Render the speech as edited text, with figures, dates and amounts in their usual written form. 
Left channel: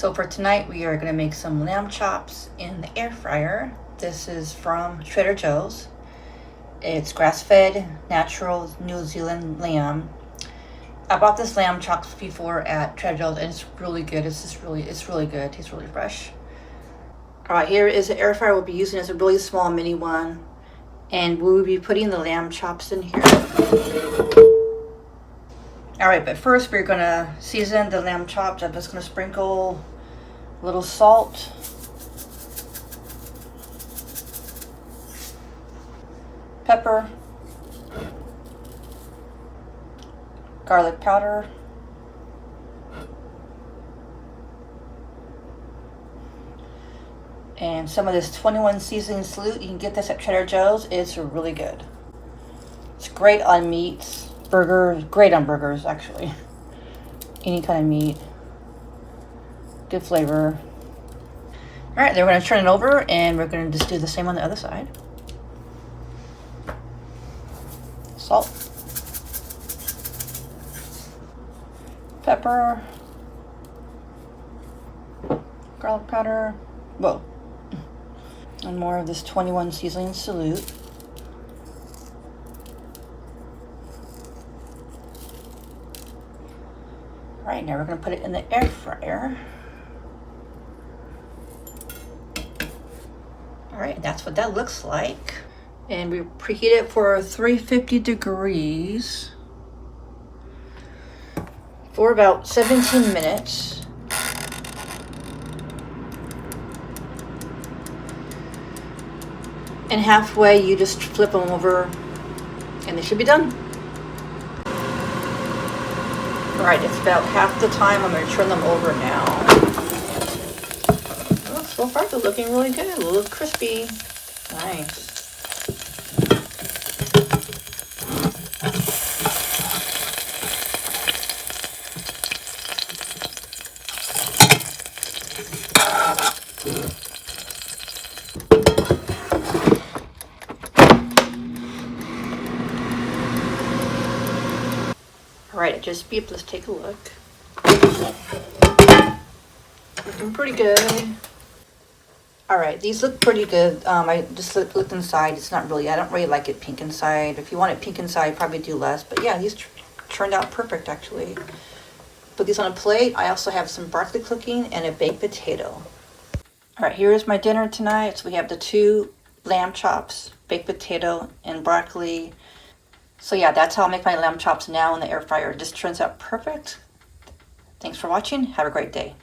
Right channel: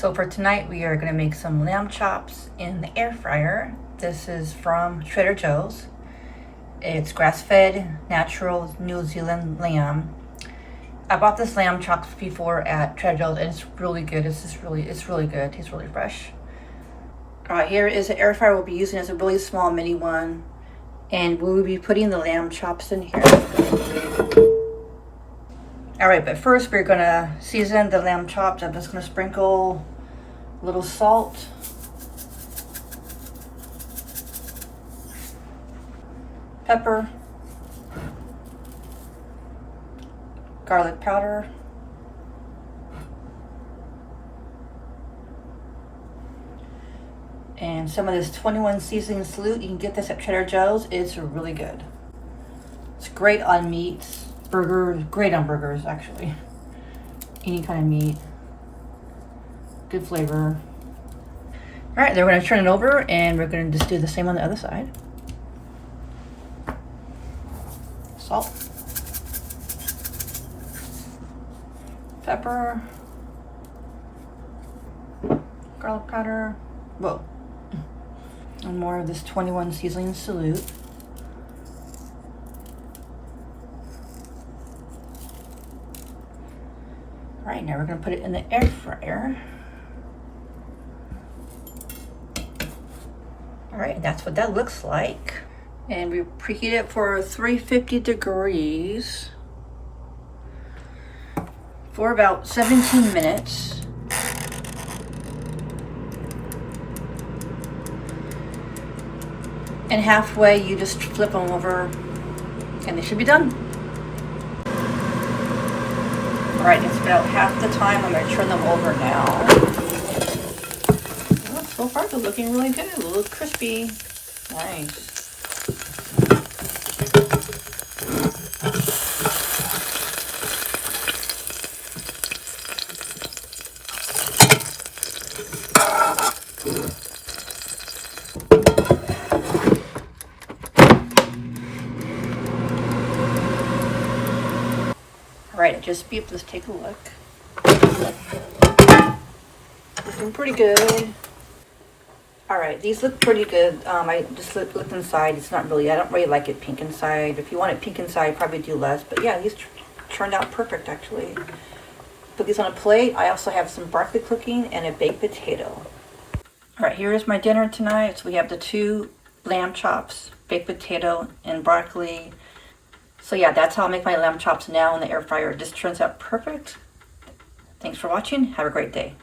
So for tonight, we are gonna make some lamb chops in the air fryer. This is from Trader Joe's. It's grass-fed, natural New Zealand lamb. I bought this lamb chops before at Trader Joe's and it's really good. It's really good. It tastes really fresh. All right, here is the air fryer we'll be using. It's a really small mini one. And we will be putting the lamb chops in here. All right, but first we're gonna season the lamb chops. I'm just gonna sprinkle a little salt, pepper, garlic powder, and some of this 21 seasoning salute. You can get this at Trader Joe's. It's really good. It's great on meats, burgers, great on burgers actually. Any kind of meat. Good flavor. All right, then we're gonna turn it over and we're gonna just do the same on the other side. Salt. Pepper. Garlic powder. Whoa. And more of this 21 seasoning salute. All right, now we're gonna put it in the air fryer. All right, that's what that looks like. And we preheat it for 350 degrees for about 17 minutes. And halfway, you just flip them over and they should be done. All right, it's about half the time. I'm gonna turn them over now. Oh, so far they're looking really good, a little crispy. Nice. All right, it just beeped. Let's take a look. Looking pretty good. All right, these look pretty good. I just looked inside. It's not really, I don't really like it pink inside. If you want it pink inside, probably do less. But yeah, these turned out perfect actually. Put these on a plate. I also have some broccoli cooking and a baked potato. All right, here is my dinner tonight. So we have the 2 lamb chops, baked potato, and broccoli. So yeah, that's how I make my lamb chops now in the air fryer. It just turns out perfect. Thanks for watching. Have a great day.